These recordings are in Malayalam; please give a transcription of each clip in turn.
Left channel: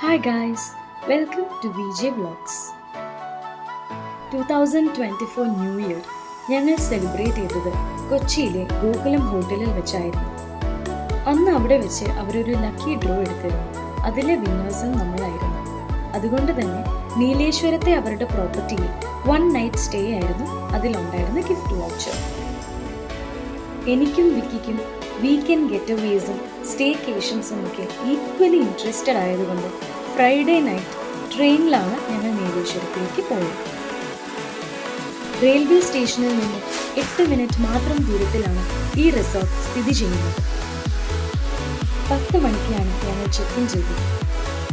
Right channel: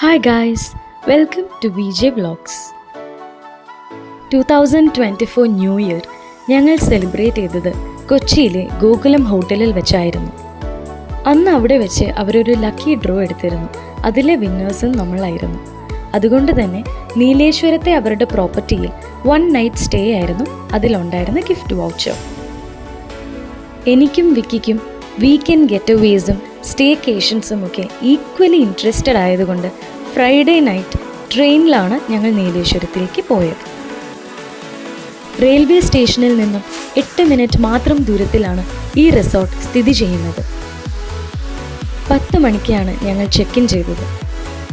Hi guys, welcome to VJ Vlogs. 2024 new year ഞങ്ങൾ സെലിബ്രേറ്റ് ചെയ്തത് കൊച്ചിയിലെ ഗോകുലം ഹോട്ടലിൽ വെച്ചായിരുന്നു. അന്ന് അവിടെ വെച്ച് അവരൊരു ലക്കി ഡ്രോ എടുത്തിരുന്നു. അതിലെ വിന്നേഴ്സും നമ്മളായിരുന്നു. അതുകൊണ്ട് തന്നെ നീലേശ്വരത്തെ അവരുടെ പ്രോപ്പർട്ടിയിൽ 1 നൈറ്റ് സ്റ്റേ ആയിരുന്നു അതിലുണ്ടായിരുന്ന ഗിഫ്റ്റ് വൗച്ചർ. എനിക്കും വിക്കിക്കും വീക്കെൻഡ് ഗെറ്റവേസും സ്റ്റേക്കേഷൻസും ഒക്കെ ഈക്വലി ഇൻട്രസ്റ്റഡ് ആയതുകൊണ്ട് ഫ്രൈഡേ നൈറ്റ് ട്രെയിനിലാണ് ഞങ്ങൾ നീലേശ്വരത്തേക്ക് പോയത്. റെയിൽവേ സ്റ്റേഷനിൽ നിന്നും 8 മിനിറ്റ് മാത്രം ദൂരത്തിലാണ് ഈ റിസോർട്ട് സ്ഥിതി ചെയ്യുന്നത്. 10 മണിക്കാണ് ഞങ്ങൾ ചെക്ക് ഇൻ ചെയ്തത്.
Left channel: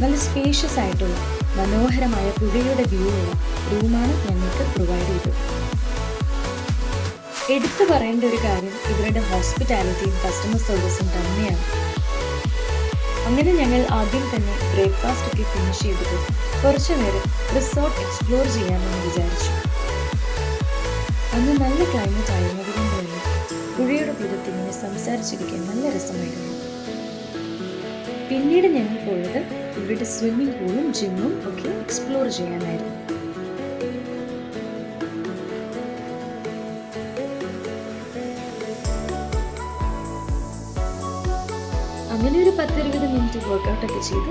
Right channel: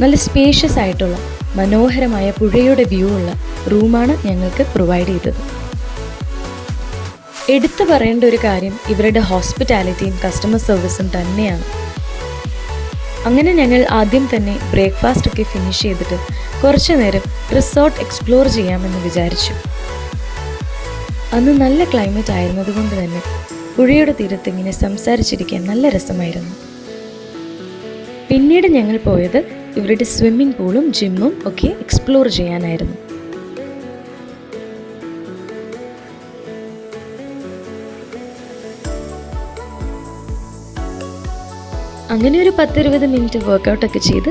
നല്ല സ്പേഷ്യസ് ആയിട്ടുള്ള മനോഹരമായ പുഴയുടെ വ്യൂ ഉള്ള റൂമാണ് ഞങ്ങൾക്ക് പ്രൊവൈഡ് ചെയ്തത്. എടുത്തു പറയേണ്ട ഒരു കാര്യം ഇവരുടെ ഹോസ്പിറ്റാലിറ്റിയും കസ്റ്റമർ സർവീസും തന്നെയാണ്. അങ്ങനെ ഞങ്ങൾ ആദ്യം തന്നെ ബ്രേക്ക്ഫാസ്റ്റ് ഒക്കെ ഫിനിഷ് ചെയ്തിട്ട് കുറച്ചു നേരം റിസോർട്ട് എക്സ്പ്ലോർ ചെയ്യാമെന്ന് വിചാരിച്ചു. അന്ന് നല്ല ക്ലൈമറ്റ് ആയിരുന്നതുകൊണ്ട് തന്നെ പുഴയുടെ തീരത്ത് ഇങ്ങനെ സംസാരിച്ചിരിക്കാൻ നല്ല രസമായിരുന്നു. പിന്നീട് ഞങ്ങൾ പോയത് ഇവരുടെ സ്വിമ്മിംഗ് പൂളും ജിമ്മും ഒക്കെ എക്സ്പ്ലോർ ചെയ്യാനായിരുന്നു. അങ്ങനെ ഒരു 10-20 മിനിറ്റ് വർക്കൗട്ടൊക്കെ ചെയ്ത്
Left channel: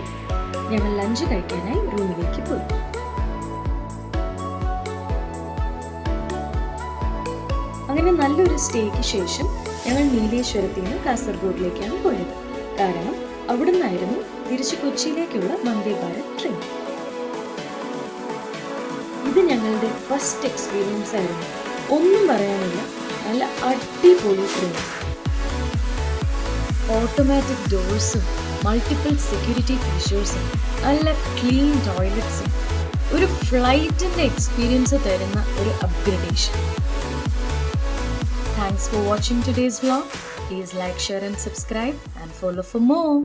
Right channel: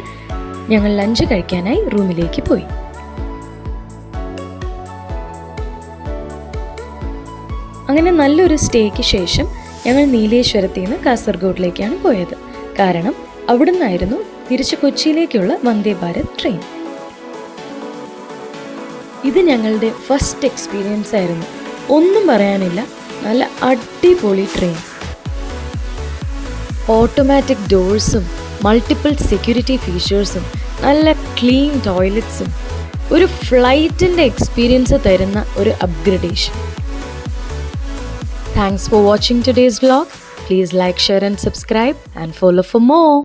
ഞങ്ങൾ ലഞ്ച് കഴിക്കാനായി റൂമിലേക്ക് പോയി. അങ്ങനെ നല്ലൊരു സ്റ്റേക്ക് ശേഷം ഞങ്ങൾ നീലേശ്വരത്തിൽ നിന്ന് കാസർഗോഡിലേക്കാണ് പോയത്. കാരണം അവിടെ നിന്നായിരുന്നു തിരിച്ച് കൊച്ചിയിലേക്കുള്ള വന്ദേ ഭാരത് ട്രെയിൻ. ഇത് ഞങ്ങളുടെ ഫസ്റ്റ് എക്സ്പീരിയൻസ് ആയിരുന്നു. ഒന്നും പറയാനില്ല, നല്ല അടിപൊളി ട്രെയിൻ. ഓട്ടോമാറ്റിക് ഡോഴ്സും മൾട്ടിപ്പിൾ സെക്യൂരിറ്റി ഫീച്ചേഴ്സും നല്ല ക്ലീൻ ടോയ്ലറ്റ്സും ഒരു ഫ്ലൈറ്റിൻ്റെ എക്സ്പീരിയൻസ് തരുന്ന ഒരു upgradation. Thanks for watching today's vlog. Please like, share and subscribe and follow for more.